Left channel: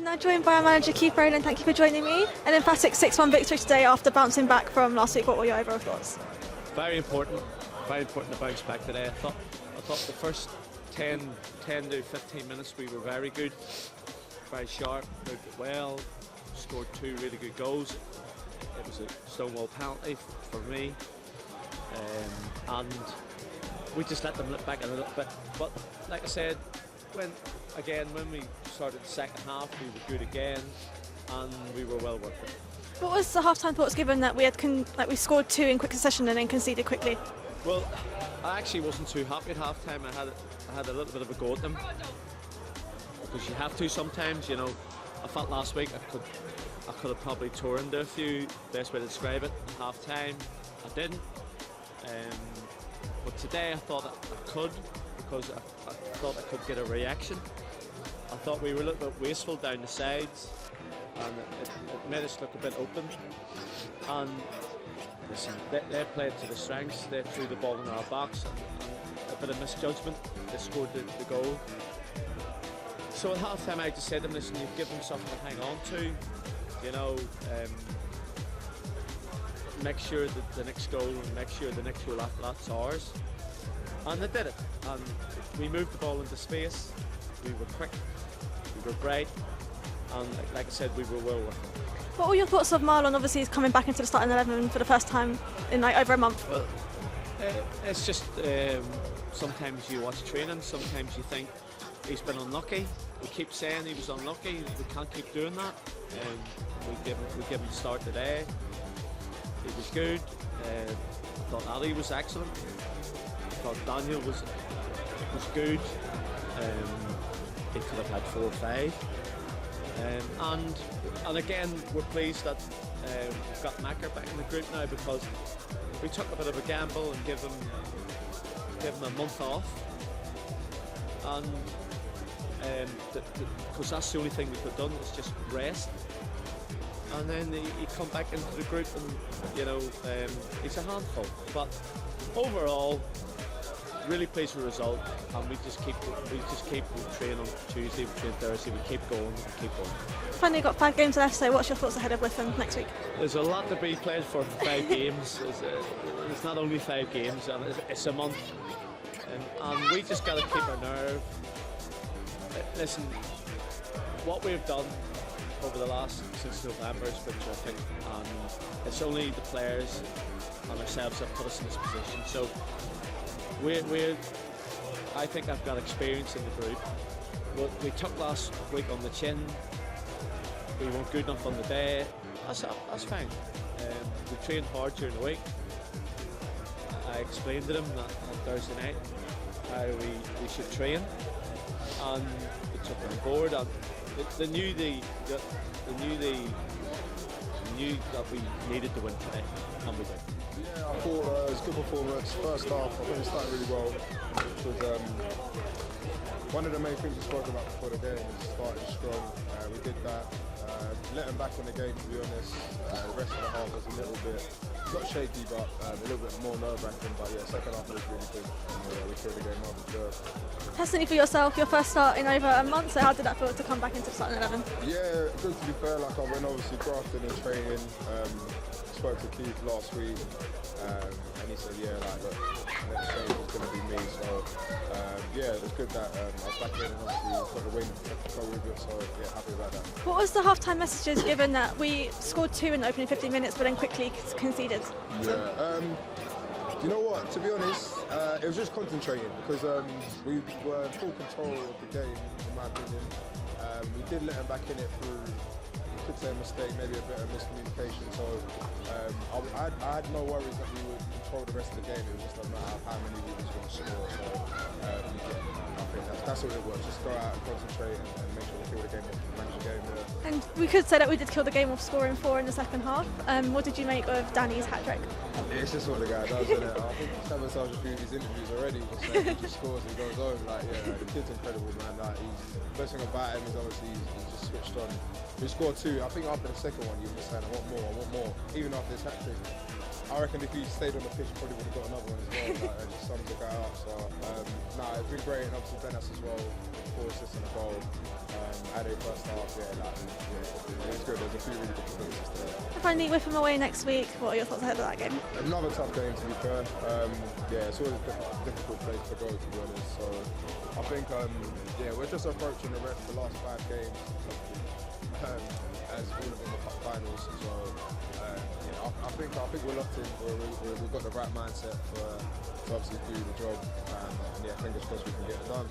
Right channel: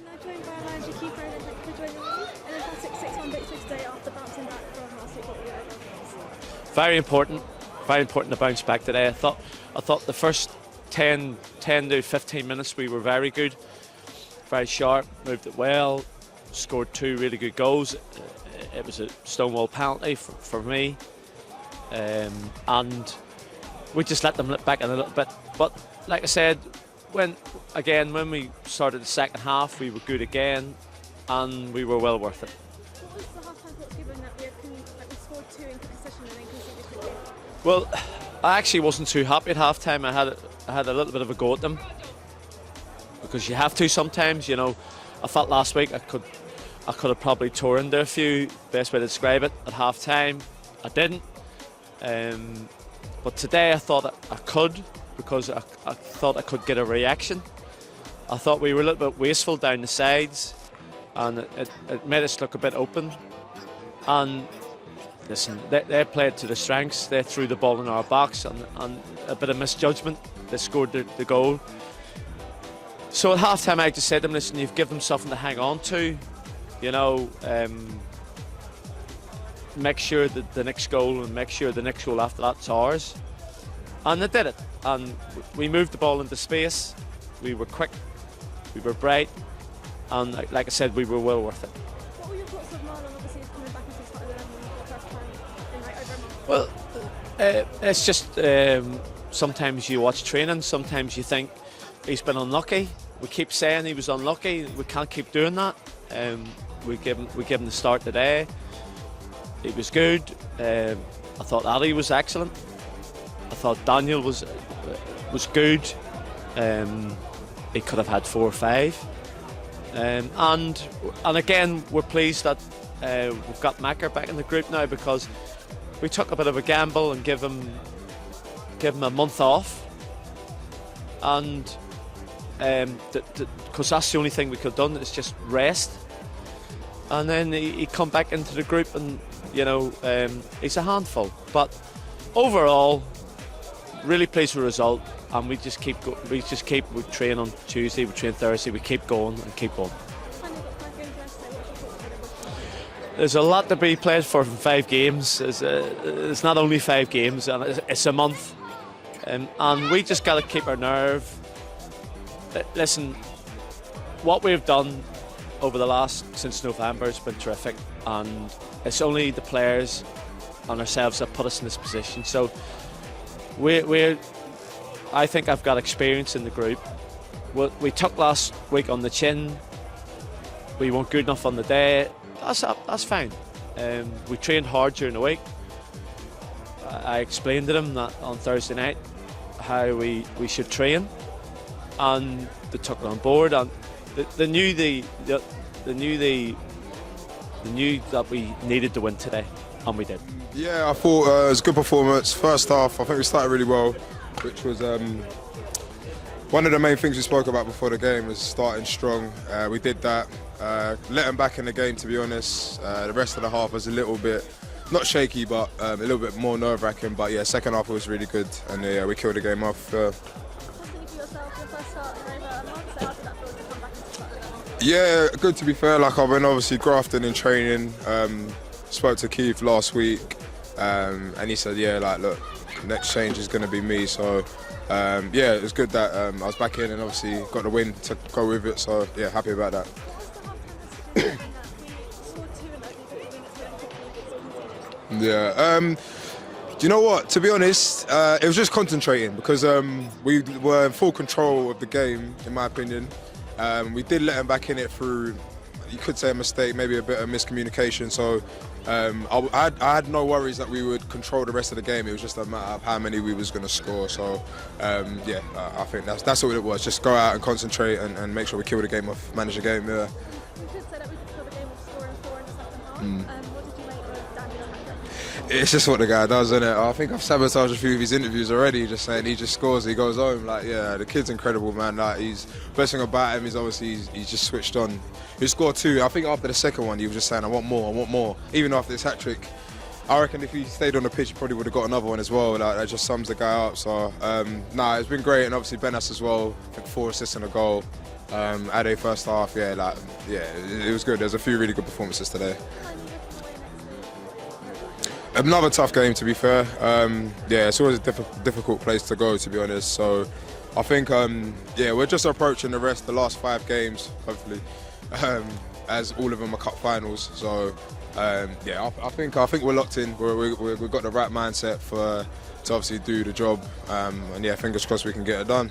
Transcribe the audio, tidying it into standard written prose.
I'm now joined by our manager Keith Rowland. Thank you for joining me. An emphatic 6-1 victory today after bouncing back from last week. What were your overall thoughts? Very important to bounce back today. I thought the first 10 to 15 minutes we were very good, very sharp, moved it well, scored 2 really good goals. It was a stonewall penalty for me, and we just let them look back in a little bit. But like I said, when we started the second half, we were good again, and we were well worth it. What was the half-time thoughts given that we scored 2 in quick succession and then conceded quickly? Well, I actually wasn't too happy at half-time. I had a little bit of a go at them because you have to sometimes. You know, I felt last week I could have probably tore into a few. Best way to describe it at half-time. I didn't. But today I thought I could, because I thought I could get a reaction. I thought we were a little bit wasteful down the sides, and it made us look a bit open. And listen, they played to their strengths. They threw the ball in our box, and a bit of misjudgment. They scored the goal. So at half-time I just said to them, listen, you've given them something to hang on to. You know, make sure that the next goal, and make sure the next goal after that's ours. And they did it. And we moved the ball into space. We were quick, we were bright, and like I said, we were well worth it. What were your thoughts of Marlon? Obviously, he's coming back into the starting 11 for the first time in over a month. Well, it's just sometimes you watch training, sometimes you think he's been unlucky. We keep saying he was unlucky. We can't keep doing that. We give him the start today. He was good. I thought Ali was excellent. I thought Daniel was good. He could have had 4 or 5. And again, we're pleased that we've got Macker back in the group now, because we took a bit of a gamble and give him a month off, and because that's the only thing we could have done, is just rest. And then he come back into the group, and you know, he's a handful. But overall, really pleased with the result, and we train on Tuesday, we train Thursday, we keep going and keep going. Finally got 5 games left, so what's your thoughts ahead of Wickham next week? There's a lot to be played for 5 games. It's not only 5 games, and it's a month, and we just got to keep our nerve. Listen, what we've done over the since November has been terrific, and it's only the players and ourselves that put us in this position. So I think I've got experience in the group. What we took last week on the chin, we weren't good enough on the day. That's fine. We trained hard during the week. I explained to them that on Thursday night how we should train, and they took it on board, and they knew that we needed to win today, and we did. Yeah, I thought it was a good performance. First half, I think we started really well, which was one of the main things we spoke about before the game, was starting strong. We did that. Let them back in the game, to be honest. The rest of the half was a little bit, not shaky, but a little bit more nerve-wracking. But yeah, second half was really good, and yeah, we killed the game off. Personally, for yourself, your first start in over a month, so how did that feel to come back into the starting 11? Yeah, good, to be fair. Like, I've been obviously grafting in training. Spoke to Keith last week, and he said, yeah, like, look, next change is going to be me. So yeah, it was good that I was back in, and obviously got the win to go with it. So yeah, happy about that. What was the half-time messages given that we scored 2 in the opening 15 minutes, but then quickly conceded? Yeah. Do you know what? To be honest, it was just concentrating, because we were in full control of the game, in my opinion. We did let them back in it through, you could say, a mistake, maybe a bit of miscommunication. So I had no worries that we would control the rest of the game. It was just a matter of how many we was going to score. So yeah, I think that's all it was. Just go out and concentrate, and make sure we kill the game off, manage the game. Yeah. And we could say that we did kill the game off, scoring 4 in the second half. What did you make of Danny's hat-trick? It's just what the guy does, isn't it? I think I've sabotaged a few of his interviews already, just saying he just scores, he goes home. Like, yeah, the kid's incredible, man. Like, best thing about him is obviously he's just switched on. He scored 2. I think after the second one, he was just saying, I want more. Even after this hat-trick, I reckon if he stayed on the pitch, he probably would have got another one as well. Like, that just sums the guy up. So, nah, it's been great. And obviously Benas as well, 4 assists and a goal. Ade first half, yeah, it was good. There's a few really good performances today. Finally, Whipham away next week. What are your thoughts ahead of that game? Another tough game, to be fair. Yeah, it's always a difficult place to go, to be honest. So I think, yeah, we're just approaching the last 5 games, hopefully, as all of them are cup finals. So yeah, I think we're locked in. We've got the right mindset to obviously do the job, and yeah, fingers crossed we can get it done.